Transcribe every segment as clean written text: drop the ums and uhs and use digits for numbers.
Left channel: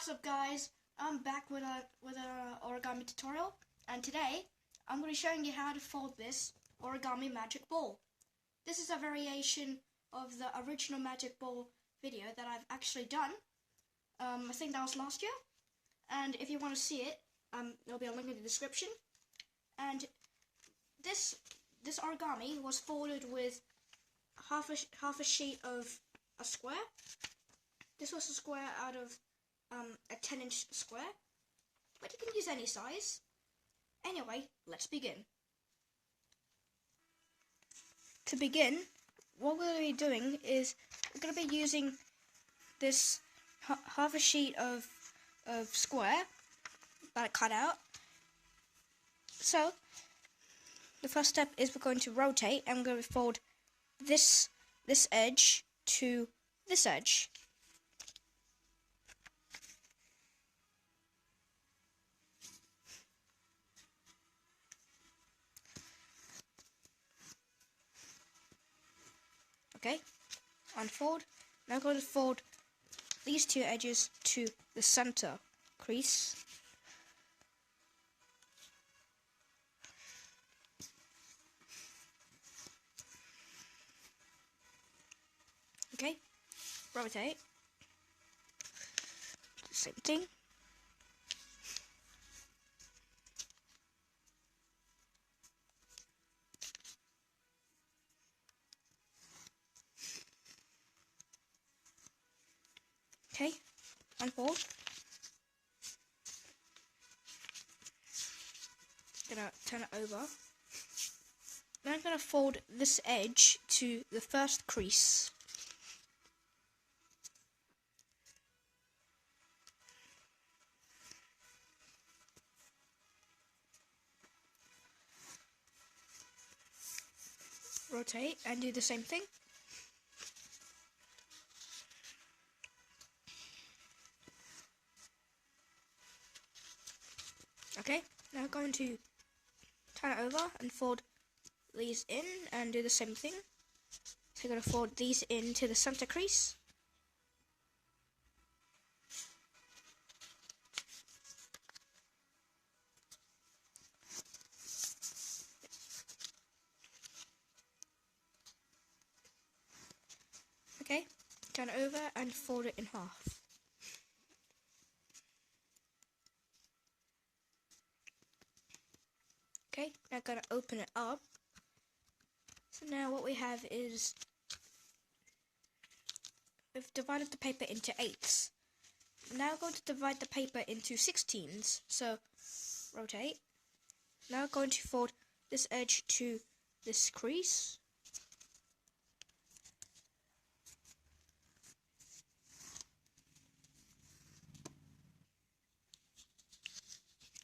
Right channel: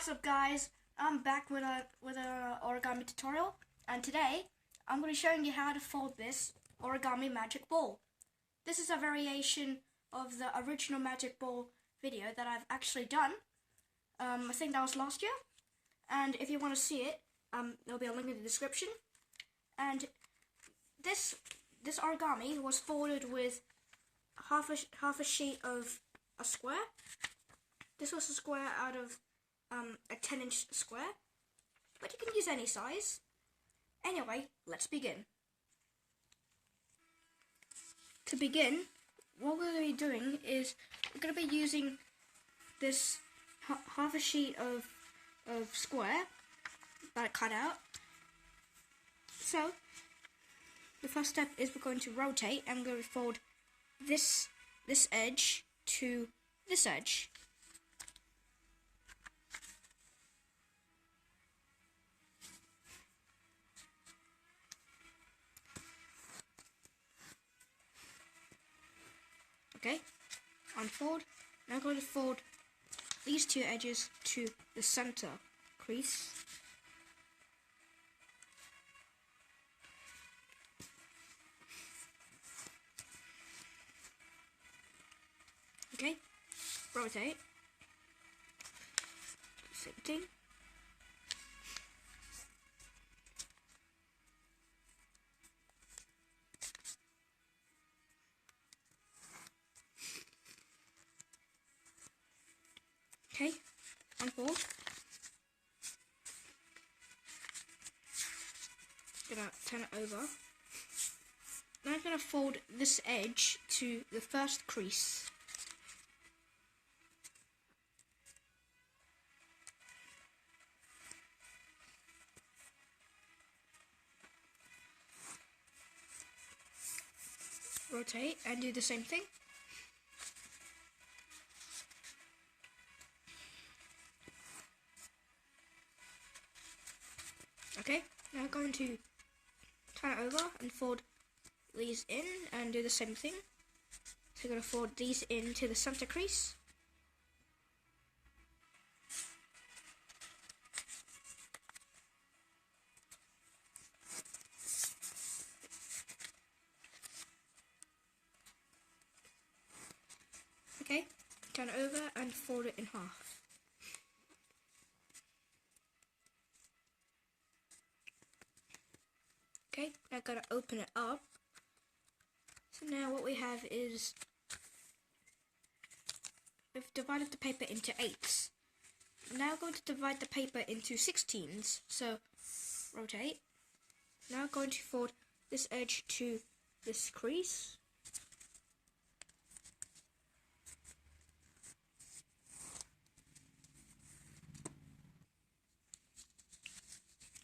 What's up, guys? I'm back with a origami tutorial, and today I'm going to be showing you how to fold this origami magic ball. This is a variation of the original magic ball video that I've actually done. I think that was last year, and if you want to see it, there'll be a link in the description. And this origami was folded with half a sheet of a square. This was a square out of a 10-inch square, but you can use any size. Anyway, let's begin. To begin, what we're going to be doing is we're going to be using this half a sheet of square that I cut out. So the first step is we're going to rotate, and we're going to fold this edge to this edge. Okay, unfold. Now I'm going to fold these two edges to the center crease. Okay, rotate. Same thing. Okay, unfold. Gonna turn it over. Now I'm gonna fold this edge to the first crease. Rotate and do the same thing. Okay, now I'm going to turn it over and fold these in and do the same thing. So I'm going to fold these into the center crease. Okay, turn it over and fold it in half. Okay, now I'm going to open it up. So now what we have is, we've divided the paper into 8s. Now I'm going to divide the paper into 16s. So, rotate. Now I'm going to fold this edge to this crease.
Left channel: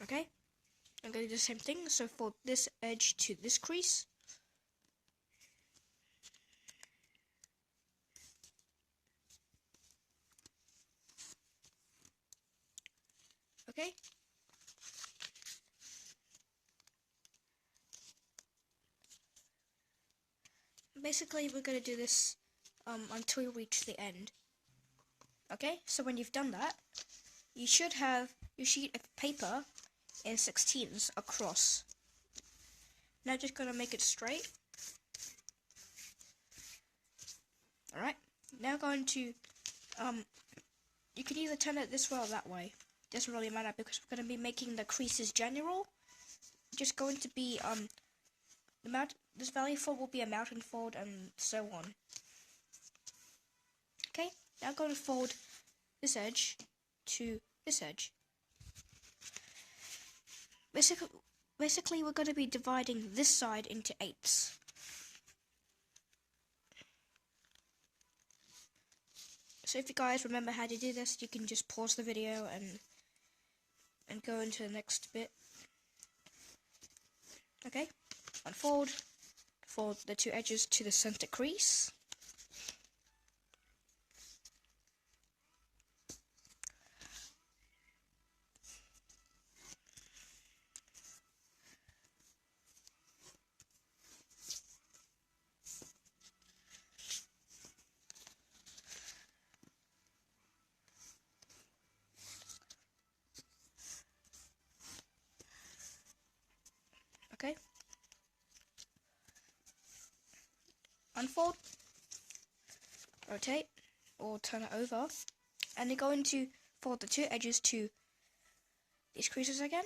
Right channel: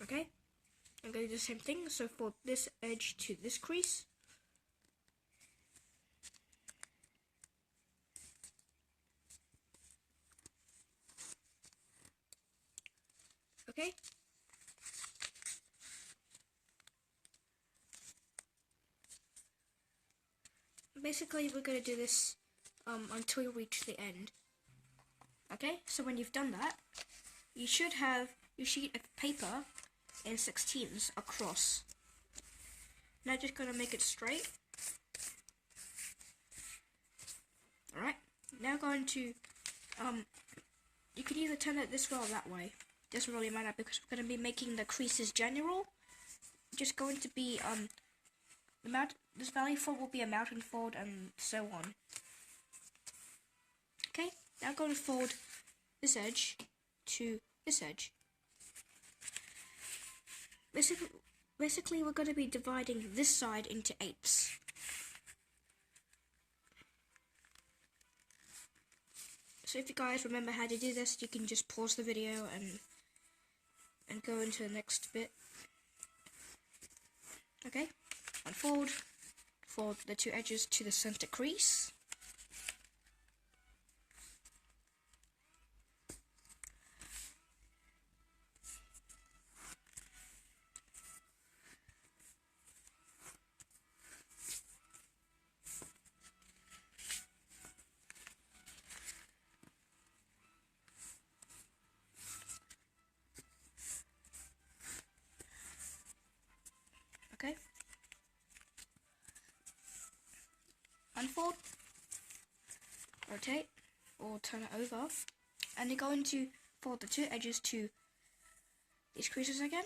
Okay. I'm going to do the same thing, so fold this edge to this crease. Okay. Basically, we're going to do this until we reach the end. Okay, so when you've done that, you should have your sheet of paper in 16s across. Now just gonna make it straight. Alright, now going to you can either turn it this way or that way. Doesn't really matter because we're gonna be making the creases general. Just going to be this valley fold will be a mountain fold and so on. Okay, now I'm going to fold this edge to this edge. Basically, we're going to be dividing this side into 8s. So if you guys remember how to do this, you can just pause the video and go into the next bit. Okay, unfold, fold the two edges to the center crease. rotate or turn it over, and you're going to fold the two edges to these creases again.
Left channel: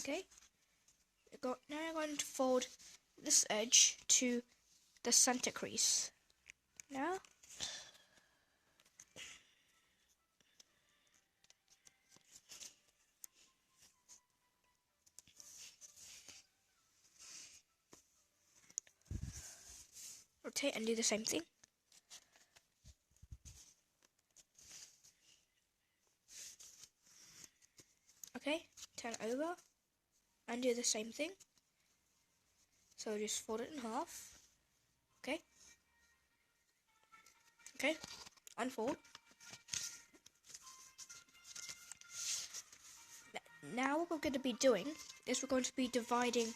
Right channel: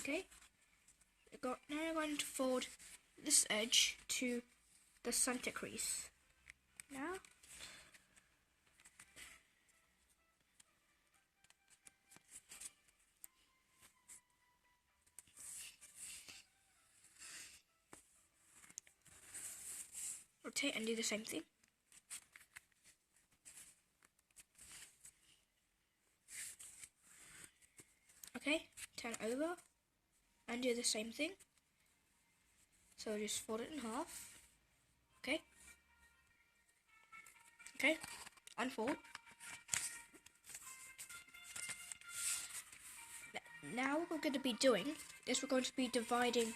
Okay, now I'm going to fold this edge to the center crease. Now, rotate and do the same thing. Okay, turn over and do the same thing. So just fold it in half. Okay. Okay, unfold. Now what we're going to be doing is we're going to be dividing,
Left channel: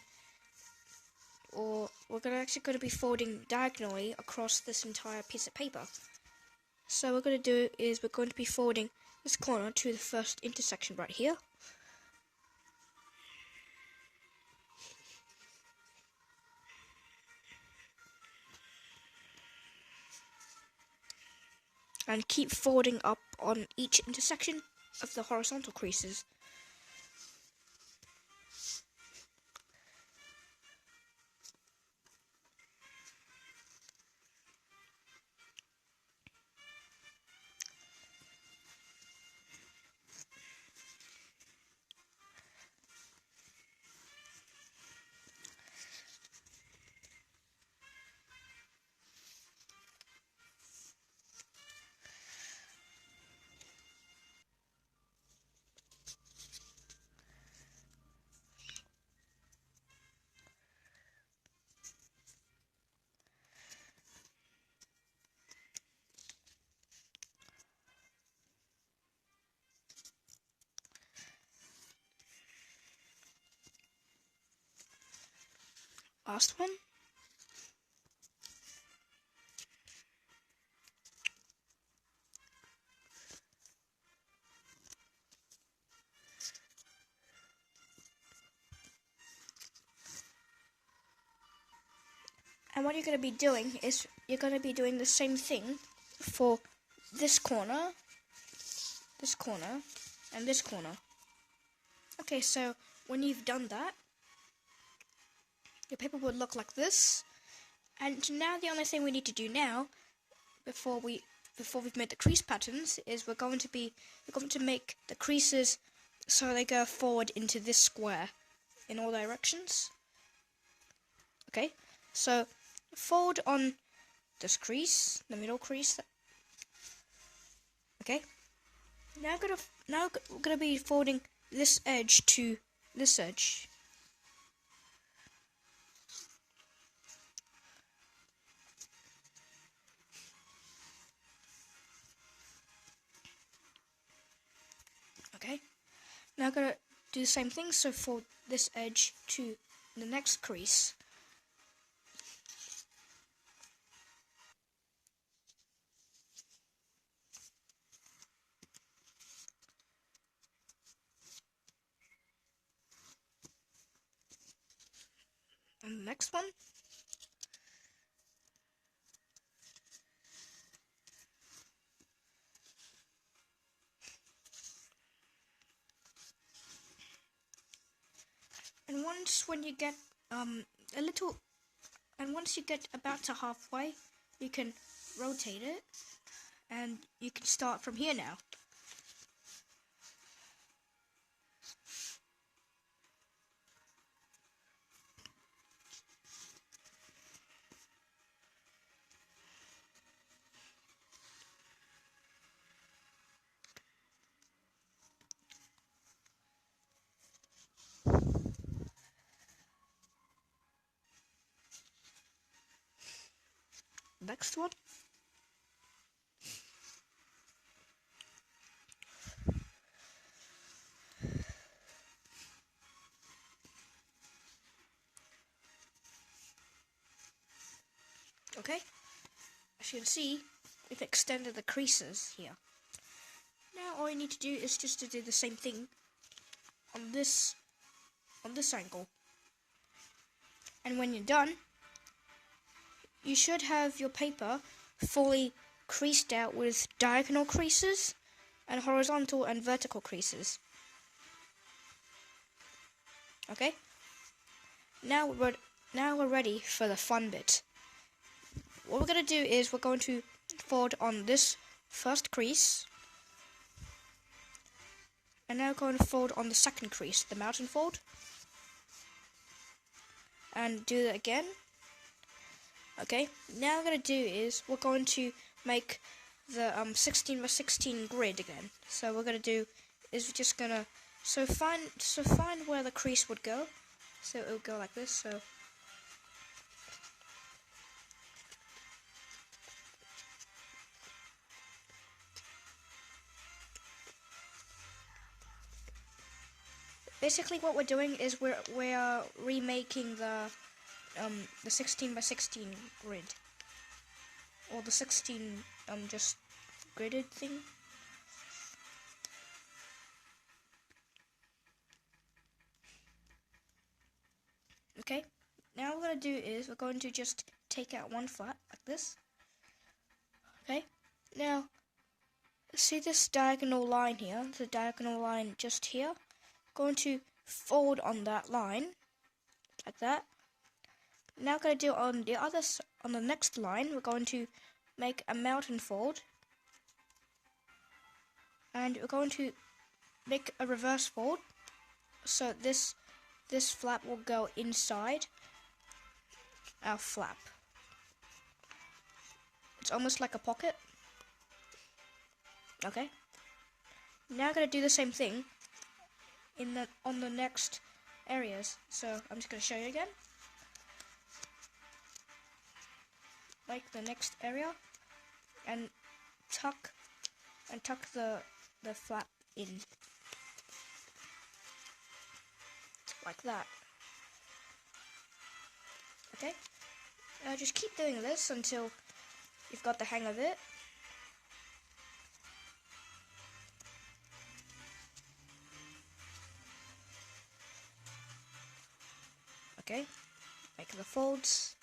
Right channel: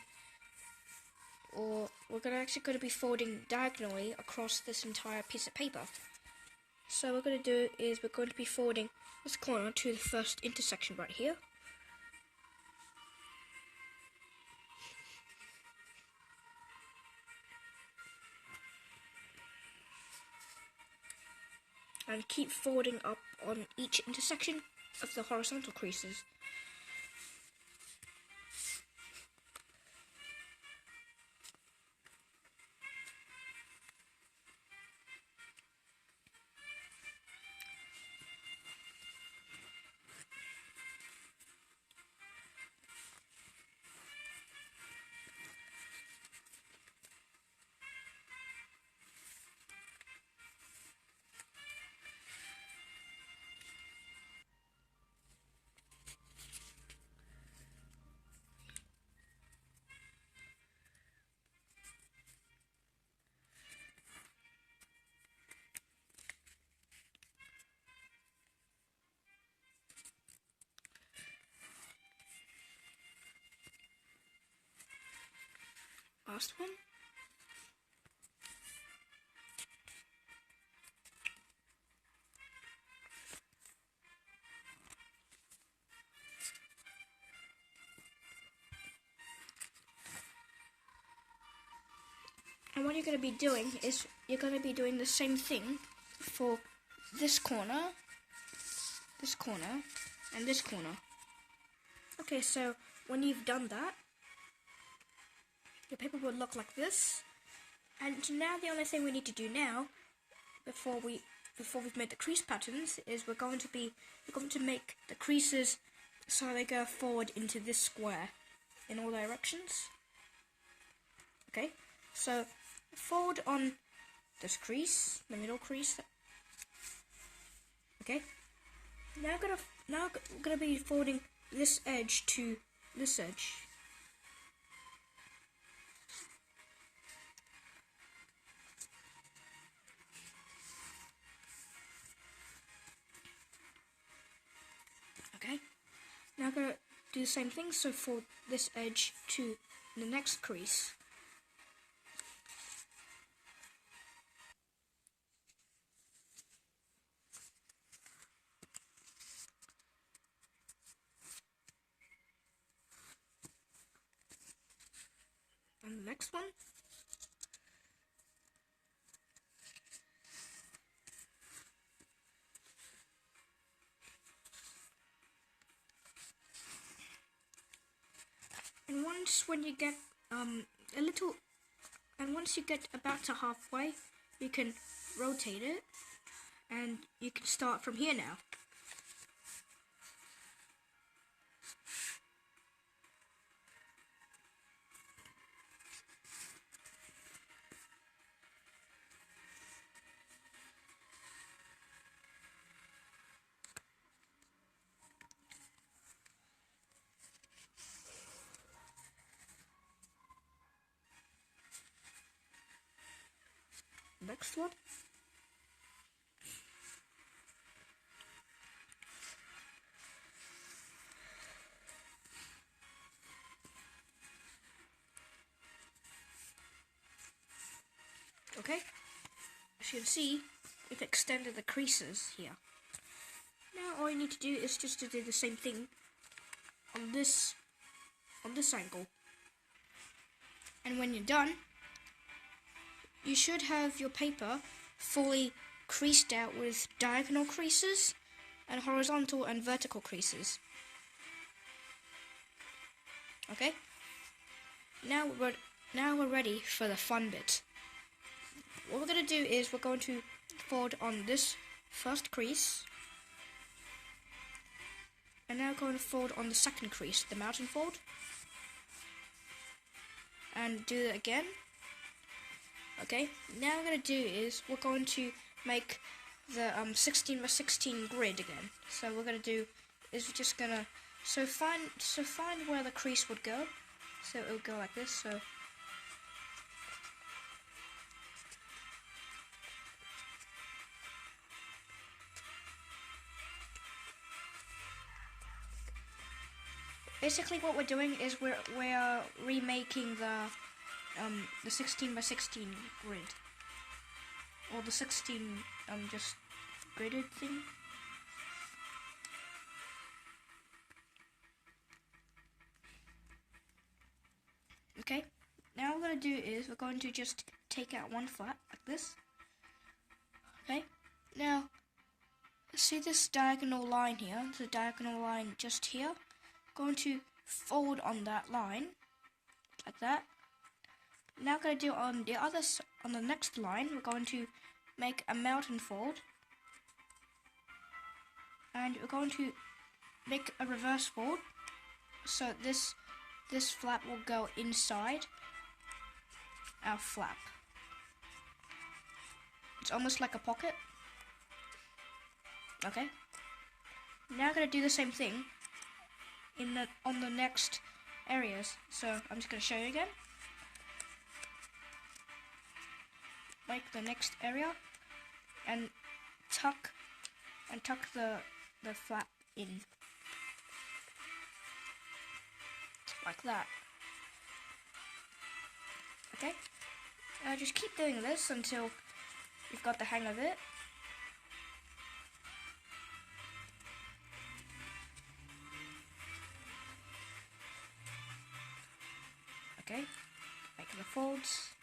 or we're actually going to be folding diagonally across this entire piece of paper. So what we're going to do is we're going to be folding this corner to the first intersection right here. And keep folding up on each intersection of the horizontal creases. Last one. And what you're going to be doing is you're going to be doing the same thing for this corner, and this corner. Okay, so when you've done that, your paper would look like this. And now the only thing we need to do now, before we've made the crease patterns, is we're going to make the creases so they go forward into this square in all directions. Okay, so fold on this crease, the middle crease. Okay, now we're gonna be folding this edge to this edge. Okay, now I'm gonna do the same thing. So fold this edge to the next crease. And the next one. And once you get once you get about to halfway, you can rotate it, and you can start from here now. next one. Okay, as you can see, we've extended the creases here. Now all you need to do is just to do the same thing on this angle. And when you're done, you should have your paper fully creased out with diagonal creases and horizontal and vertical creases. Okay? Now we're ready for the fun bit. What we're going to do is we're going to fold on this first crease, and now we're going to fold on the second crease, the mountain fold, and do that again. Okay, now what we're going to do is we're going to make the 16 by 16 grid again. So what we're going to do is we're just going to find where the crease would go. So it would go like this. So basically what we're doing is we're remaking the 16 by 16 grid, or the 16 just gridded thing. Okay, now what we're going to do is we're going to just take out one flat like this. Okay, now see this diagonal line here, the diagonal line just here. Going to fold on that line like that. Now we're going to do on the next line, we're going to make a mountain fold, and we're going to make a reverse fold, so this flap will go inside our flap. It's almost like a pocket. Okay. Now I'm going to do the same thing on the next areas. So I'm just going to show you again. Like the next area, and tuck the flap in like that. Okay, just keep doing this until you've got the hang of it. Okay, make the folds.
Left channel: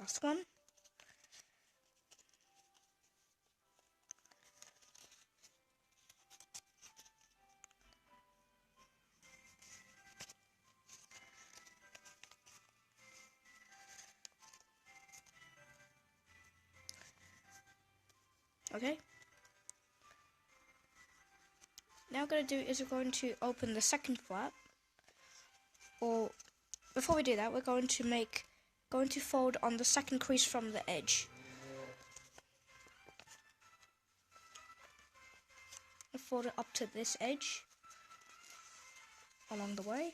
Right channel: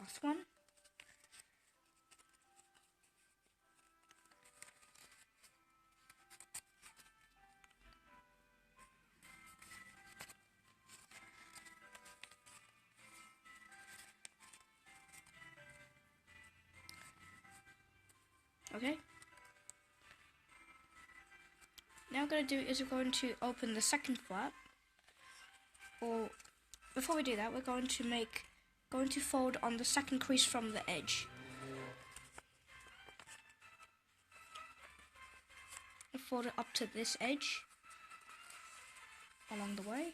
Last one. Okay. Now what we're going to do is we're going to open the second flap. Or before we do that, we're going to fold on the second crease from the edge. And fold it up to this edge along the way.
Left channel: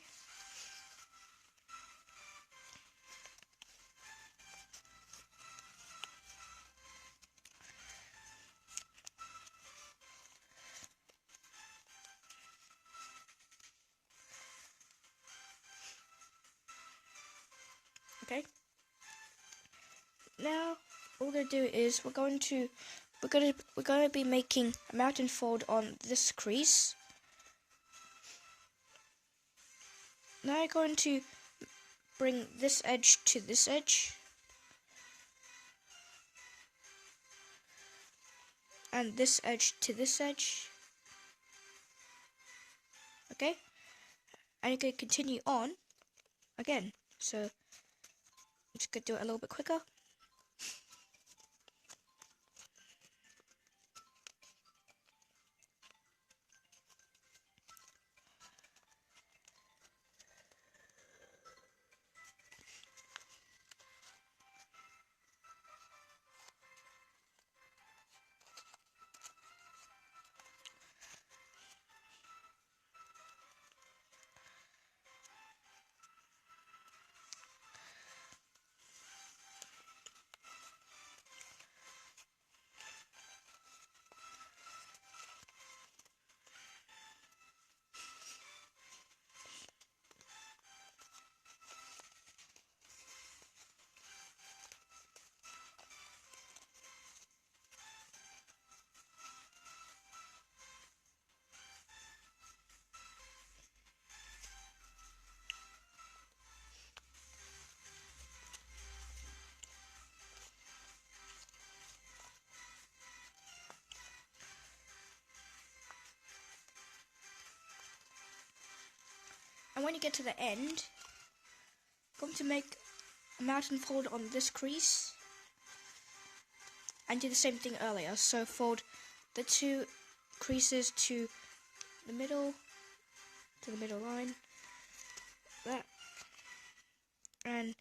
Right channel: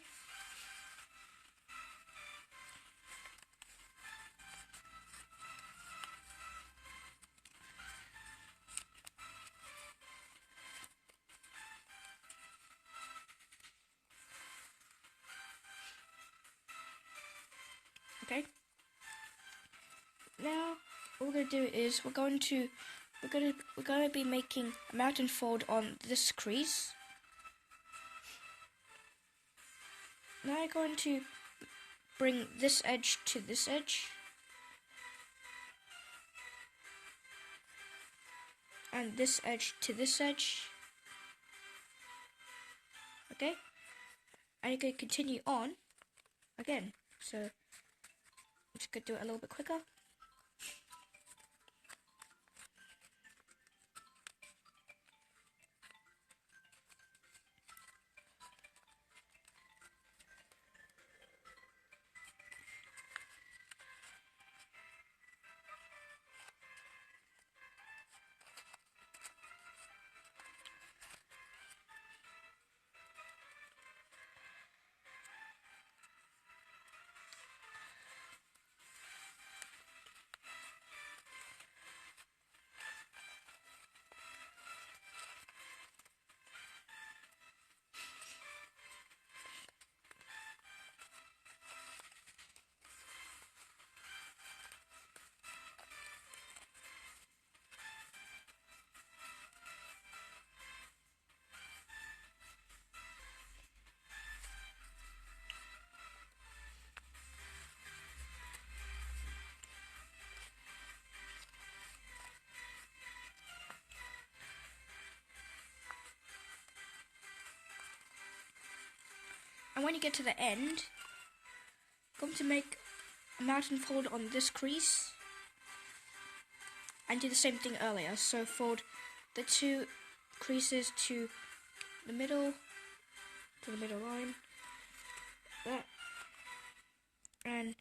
Okay. Now what we're gonna do is we're going to be making a mountain fold on this crease. Now I'm going to bring this edge to this edge, and this edge to this edge. Okay, and you can continue on again. So I'm just gonna do it a little bit quicker. And when you get to the end, I'm going to make a mountain fold on this crease and do the same thing earlier. So fold the two creases to the middle line, that, and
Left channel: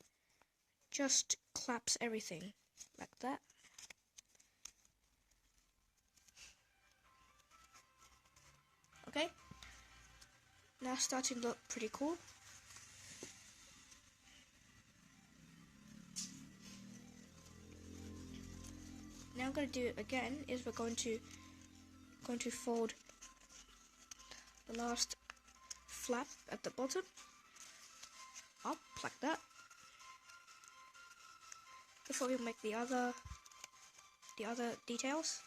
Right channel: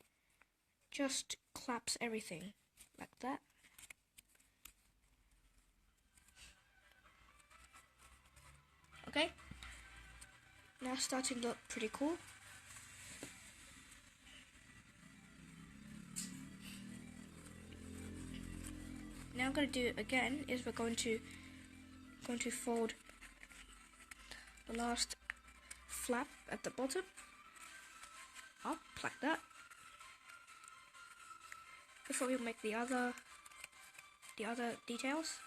just collapse everything like that. Okay, now it's starting to look pretty cool. Now I'm going to do it again. Is we're going to fold the last flap at the bottom up like that. Before we make the other details,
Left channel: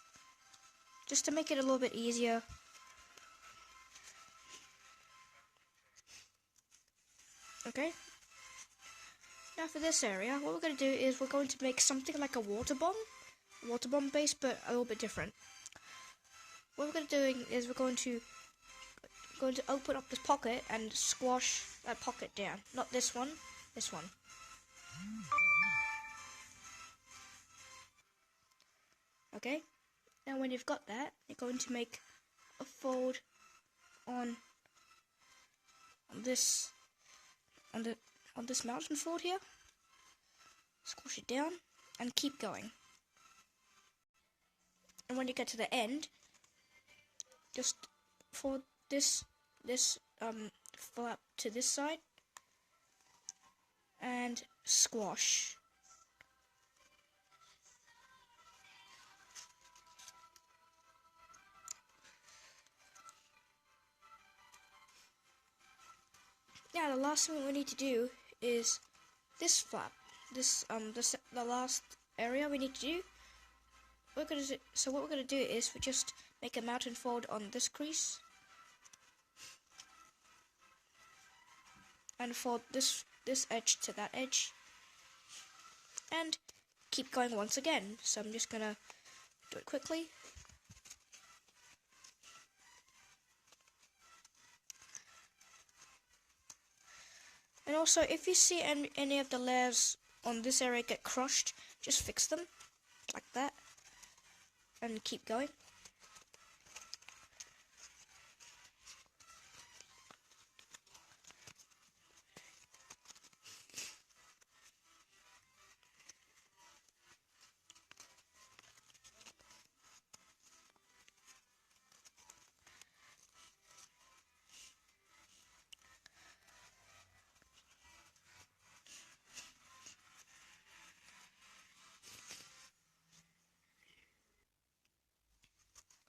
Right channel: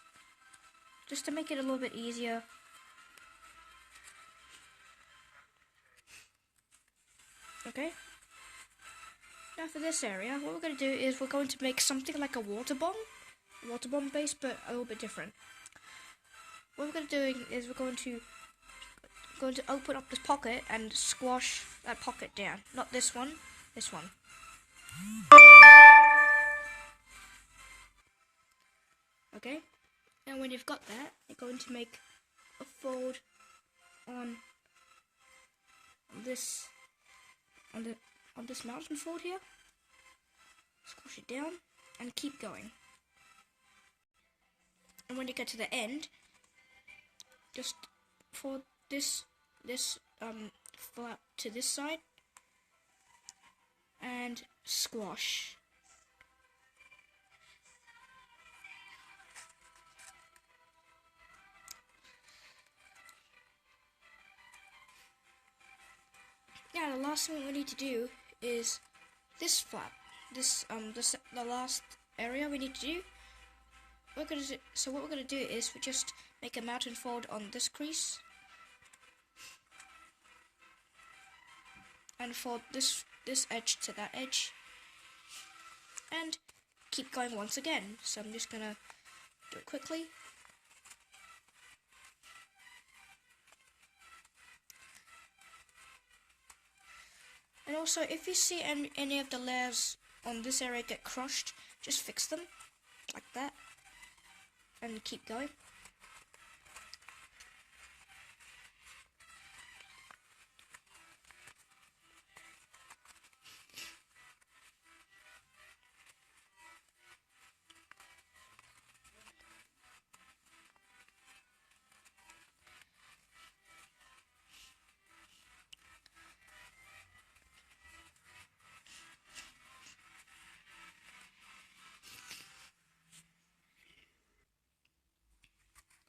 just to make it a little bit easier. Okay. Now for this area, what we're going to do is we're going to make something like a water bomb base, but a little bit different. What we're going to do is we're going to open up this pocket and squash that pocket down. Not this one, this one. Okay. Now when you've got that, you're going to make a fold on this mountain fold here. Squash it down and keep going. And when you get to the end, just fold this flap to this side and squash. Now the last thing we need to do is this flap. The last area we need to do. So what we're gonna do is we just make a mountain fold on this crease and fold this edge to that edge and keep going once again. So I'm just gonna do it quickly. And also, if you see any of the layers on this area get crushed, just fix them like that and keep going.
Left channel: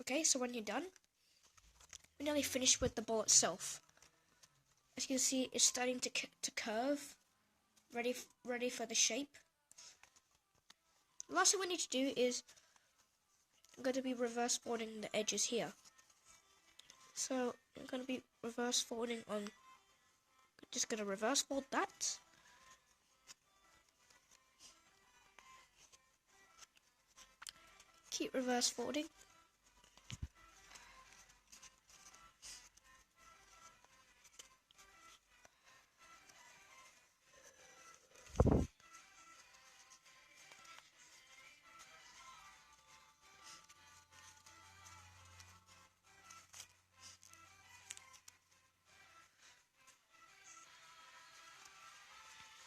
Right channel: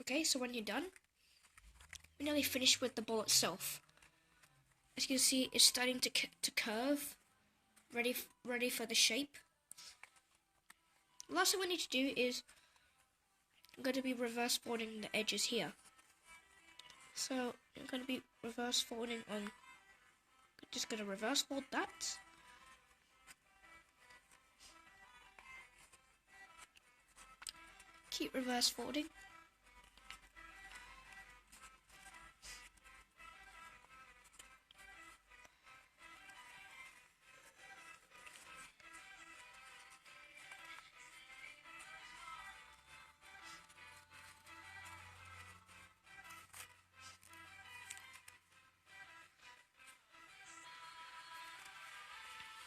Okay, so when you're done, we're nearly finished with the ball itself. As you can see, it's starting to curve ready for the shape. The last thing we need to do is I'm going to be reverse folding the edges here. So I'm going to be reverse folding on. Just going to reverse fold that. Keep reverse folding.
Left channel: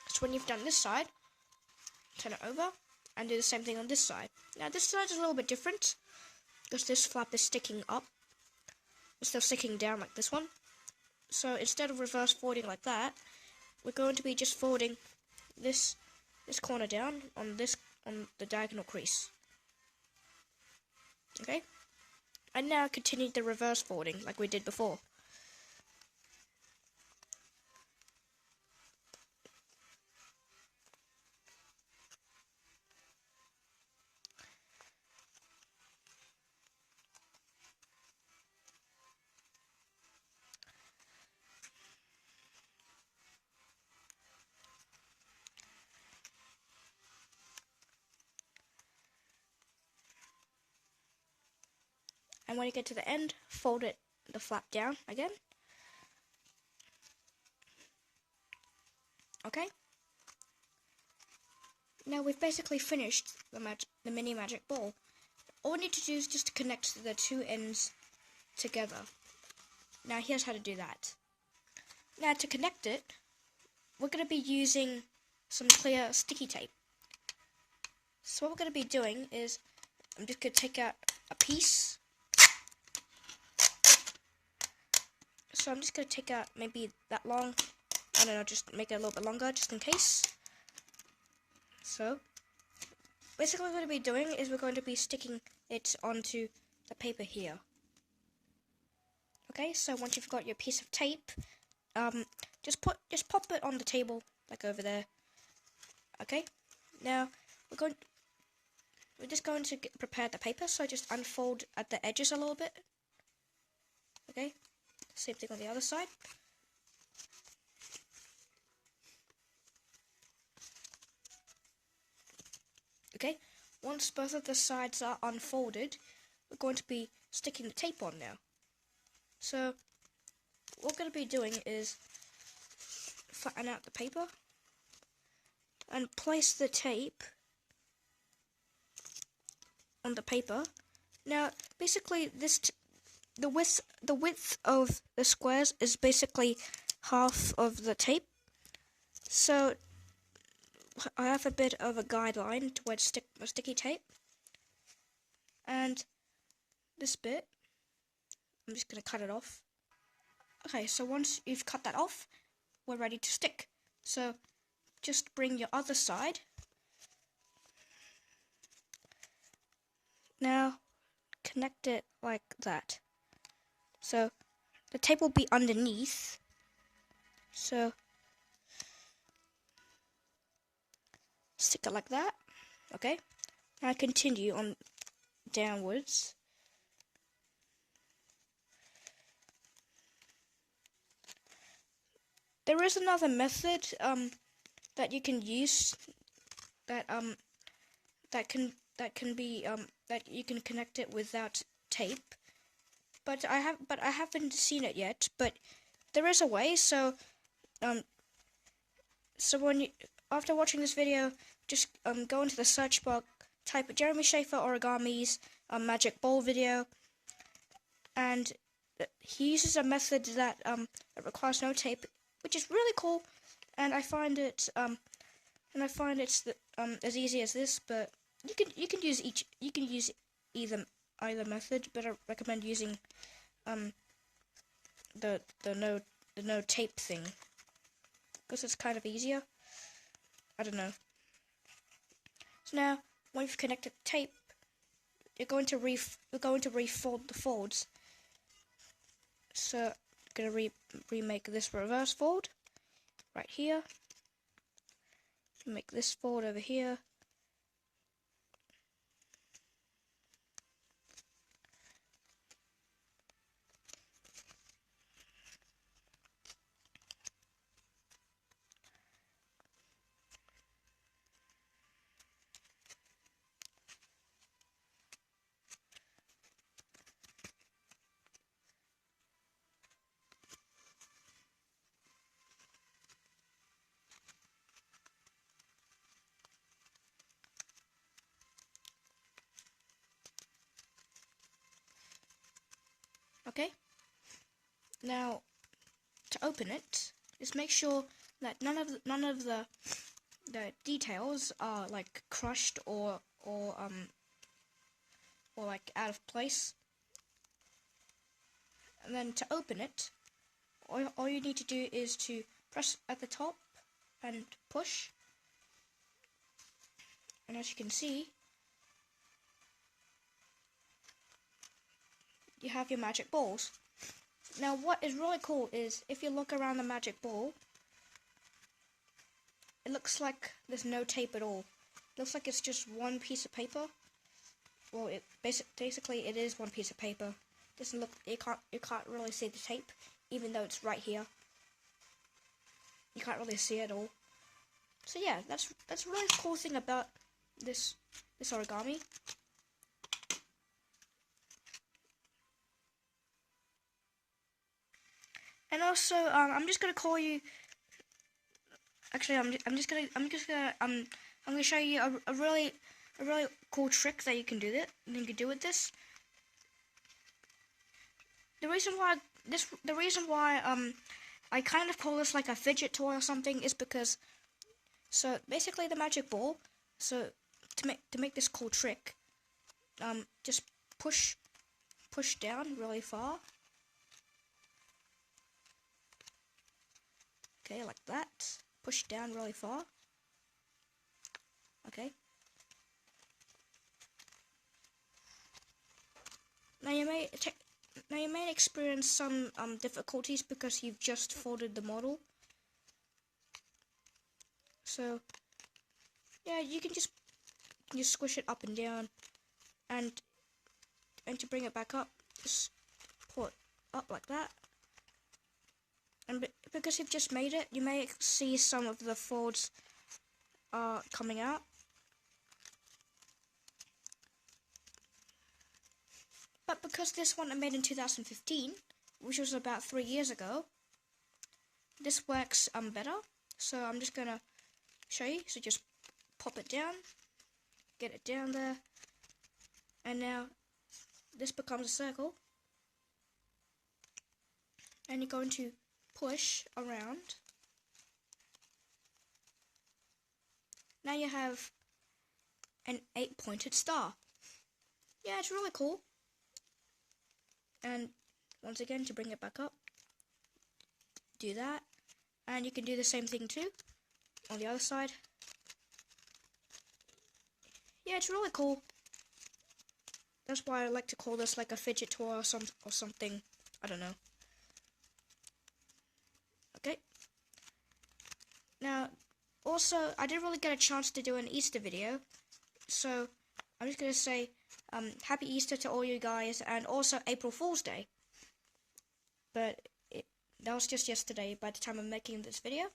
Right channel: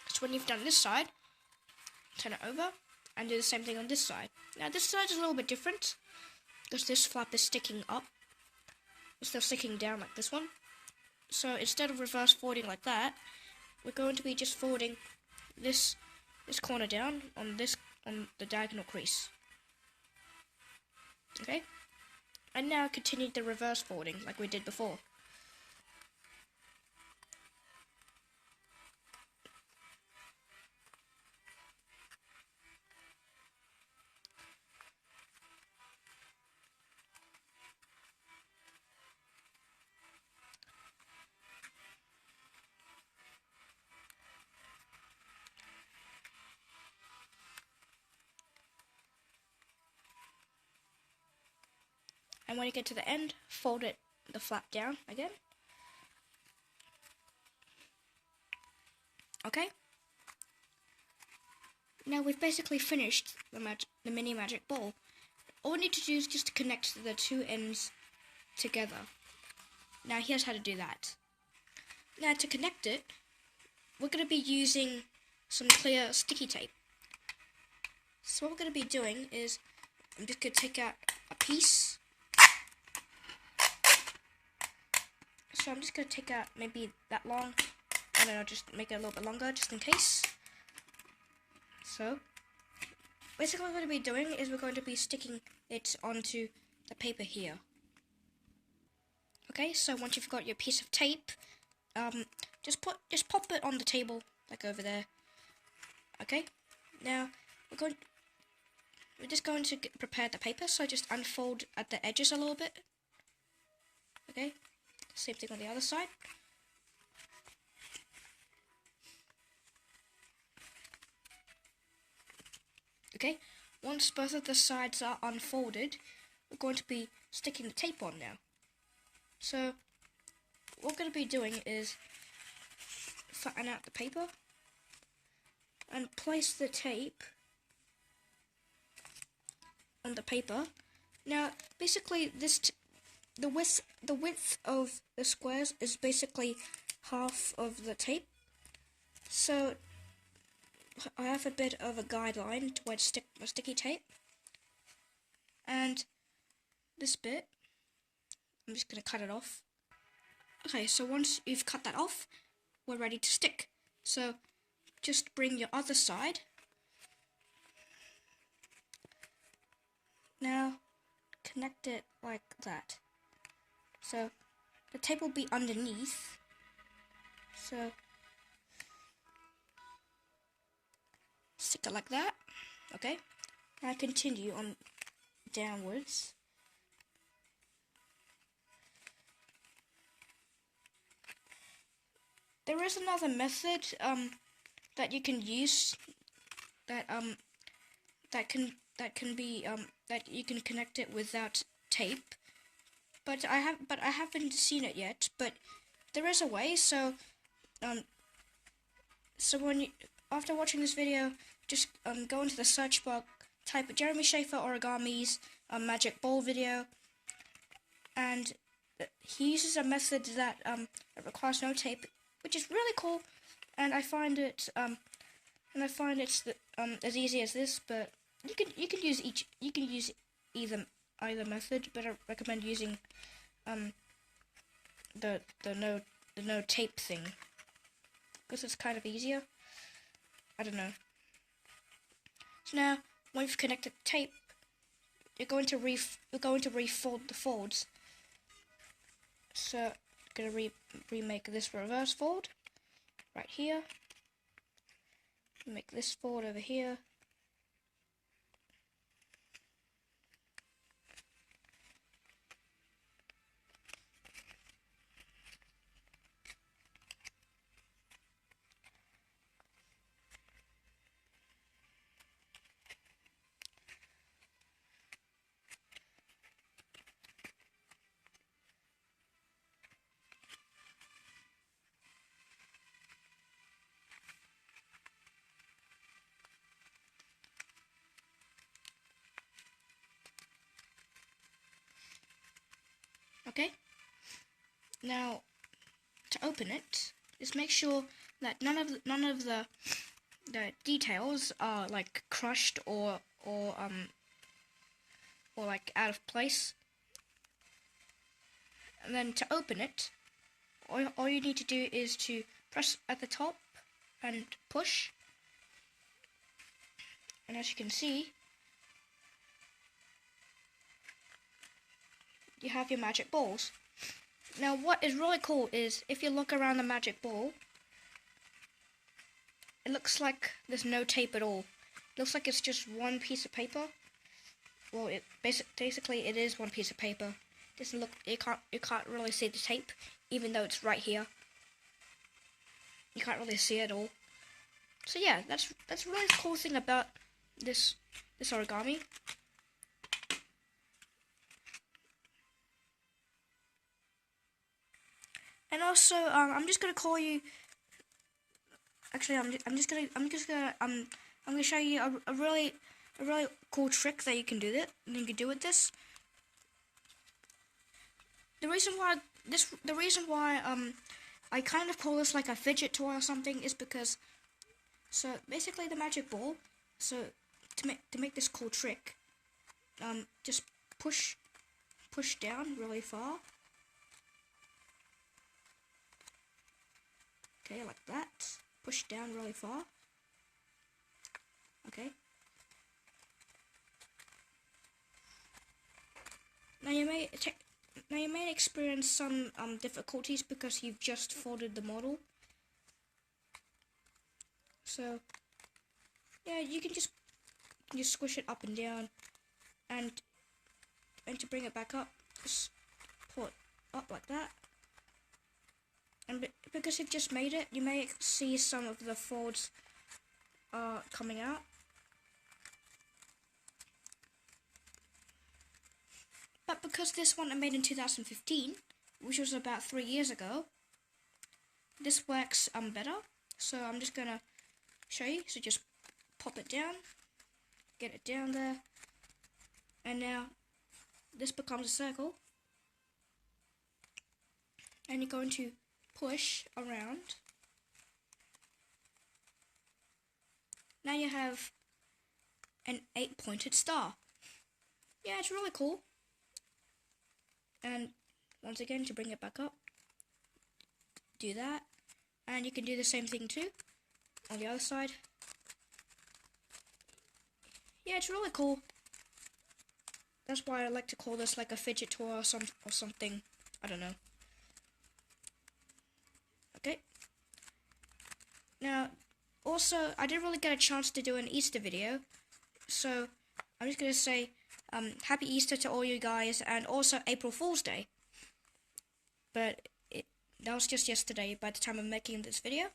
So when you've done this side, turn it over and do the same thing on this side. Now this side is a little bit different because this flap is sticking up instead of sticking down like this one. So instead of reverse folding like that, we're going to be just folding this corner down on the diagonal crease. Okay? And now continue the reverse folding like we did before. And when you get to the end, fold the flap down again. Okay? Now we've basically finished the mini magic ball. All we need to do is just to connect the two ends together. Now here's how to do that. Now to connect it, we're going to be using some clear sticky tape. So what we're going to be doing is, I'm just going to take out a piece. So I'm just going to take out maybe that long, and then I'll just make it a little bit longer just in case. So, basically what we're going to be doing is we're going to be sticking it onto the paper here. Okay, so once you've got your piece of tape, just pop it on the table, like over there. Okay, now we're just going to prepare the paper, so just unfold at the edges a little bit. Okay. Same thing on the other side. Okay, once both of the sides are unfolded, we're going to be sticking the tape on now. So, what we're going to be doing is flatten out the paper and place the tape on the paper. Now, basically, the width of the squares is basically half of the tape. So I have a bit of a guideline to where to stick my sticky tape. And this bit, I'm just going to cut it off. Okay, so once you've cut that off, we're ready to stick. So just bring your other side. Now connect it like that. So the tape will be underneath. So stick it like that. Okay. Now continue on downwards. There is another method that you can use that you can connect it without tape. But I haven't seen it yet. But there is a way. So after watching this video, just go into the search bar, type Jeremy Schaefer Origami's magic ball video, and he uses a method that requires no tape, which is really cool. And I find it's as easy as this. But you can use either method, but I recommend using the no tape thing, because it's kind of easier. I don't know. So now, when you've connected the tape, you're going to refold the folds. So I'm gonna remake this reverse fold right here. Make this fold over here. Okay. Now, to open it, just make sure that none of the details are like crushed or like out of place. And then to open it, all you need to do is to press at the top and push. And as you can see, you have your magic balls. Now what is really cool is if you look around the magic ball, it looks like there's no tape at all. It looks like it's just one piece of paper. Well, basically it is one piece of paper. It doesn't look, you can't really see the tape, even though it's right here. You can't really see it at all. So yeah, that's a really cool thing about this origami. And also, I'm just gonna call you. Actually, I'm just gonna show you a really cool trick that you can do with this. The reason why I kind of call this like a fidget toy or something is because, so basically the magic ball. So to make this cool trick, just push down really far. Okay, like that. Push down really far. Okay. Now you may experience some difficulties because you've just folded the model. So yeah, you can just squish it up and down, and to bring it back up, just pull it up like that. And because you've just made it, you may see some of the folds coming out. But because this one I made in 2015, which was about 3 years ago, this works better. So I'm just gonna show you. So just pop it down, get it down there, and now this becomes a circle. And you're going to push around. Now you have an 8-pointed star. Yeah, it's really cool. And once again, to bring it back up, do that. And you can do the same thing too on the other side. Yeah, it's really cool. That's why I like to call this like a fidget toy or something. I don't know. Okay. Now, also, I didn't really get a chance to do an Easter video, so I'm just going to say Happy Easter to all you guys, and also April Fool's Day. But that was just yesterday by the time I'm making this video.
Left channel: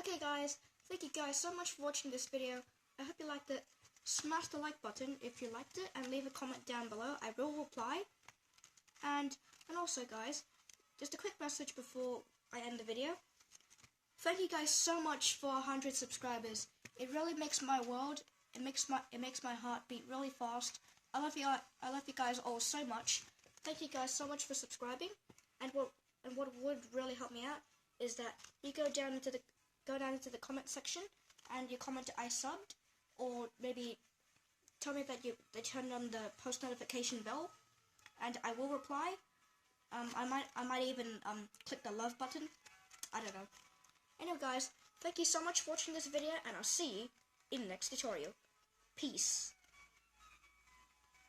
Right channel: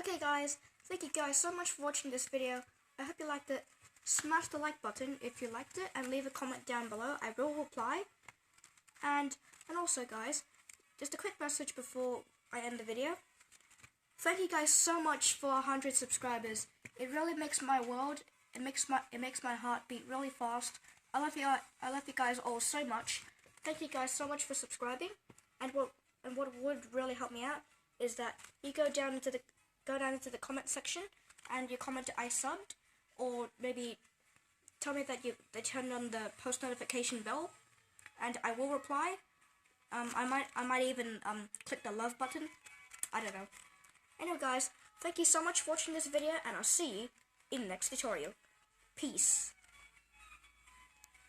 Okay guys, thank you guys so much for watching this video. I hope you liked it. Smash the like button if you liked it, and leave a comment down below. I will reply. And also guys, just a quick message before I end the video. Thank you guys so much for 100 subscribers. It really makes my world. It makes my heart beat really fast. I love you guys all so much. Thank you guys so much for subscribing. And what would really help me out is that you go down into the comment section and you comment I subbed, or maybe tell me that they turned on the post notification bell, and I will reply. I might even click the love button. I don't know. Anyway guys, thank you so much for watching this video, and I'll see you in the next tutorial. Peace.